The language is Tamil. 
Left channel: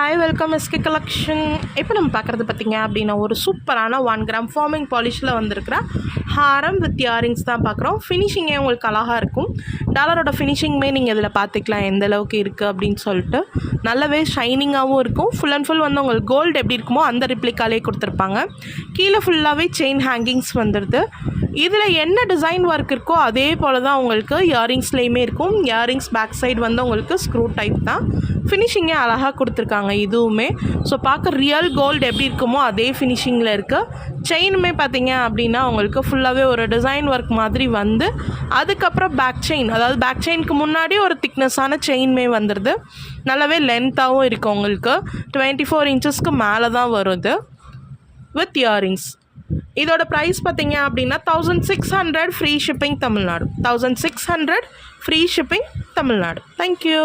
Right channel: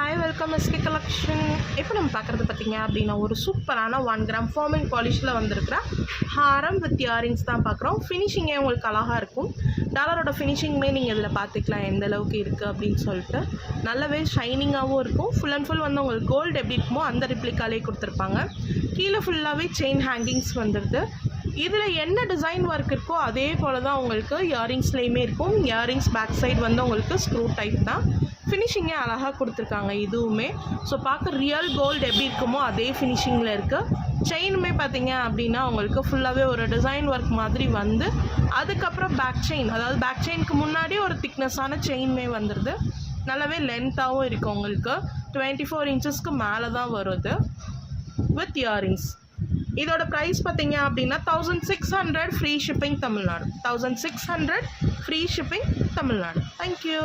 Hi welcome SK collection. இப்போ நம்ம பார்க்குறது பார்த்திங்க அப்படின்னா ஒரு சூப்பரான 1 கிராம் ஃபார்மிங் பாலிஷில் வந்திருக்கிற ஹாரம் வித் இயரிங்ஸ் தான் பார்க்குறோம். ஃபினிஷிங்கே உங்களுக்கு அழகாக இருக்கும். டாலரோட ஃபினிஷிங்குமே நீங்கள் இதில் பார்த்துக்கலாம் எந்த அளவுக்கு இருக்குது அப்படின்னு சொல்லிட்டு. நல்லாவே ஷைனிங்காகவும் இருக்கும். ஃபுல் அண்ட் ஃபுல் வந்து உங்களுக்கு கோல்டு எப்படி இருக்குமோ அந்த ரிப்ளிக்காலே கொடுத்துருப்பாங்க. கீழே ஃபுல்லாகவே செயின் ஹேங்கிங்ஸ் வந்துடுது. இதில் என்ன டிசைன் ஒர்க் இருக்கோ அதே போல் தான் உங்களுக்கு இயரிங்ஸ்லேயுமே இருக்கும். இயரிங்ஸ் பேக் சைடு வந்து உங்களுக்கு ஸ்க்ரூ டைப் தான். ஃபினிஷிங்கே அழகாக கொடுத்துருக்காங்க இதுவுமே. ஸோ பார்க்க ரியல் கோல்டு எப்படி இருக்குமோ அதே ஃபினிஷிங்கில் இருக்குது. செயினுமே பார்த்தீங்க அப்படின்னா உங்களுக்கு ஃபுல்லாகவே ஒரு டிசைன் ஒர்க் மாதிரி வந்து அதுக்கப்புறம் பேக் செயின், அதாவது பேக் செயினுக்கு முன்னாடி ஒரு திக்னஸான செயின்மே வந்துடுது. நல்லாவே லென்த்தாகவும் இருக்குது. உங்களுக்கு 24 இன்ச்சஸ்க்கு மேலே தான் வருது வித் இயரிங்ஸ். இதோட ப்ரைஸ் பார்த்தீங்க அப்படின்னா 1600 free shipping Tamil Nadu. 1600 free shipping Tamil Nadu. Thank you.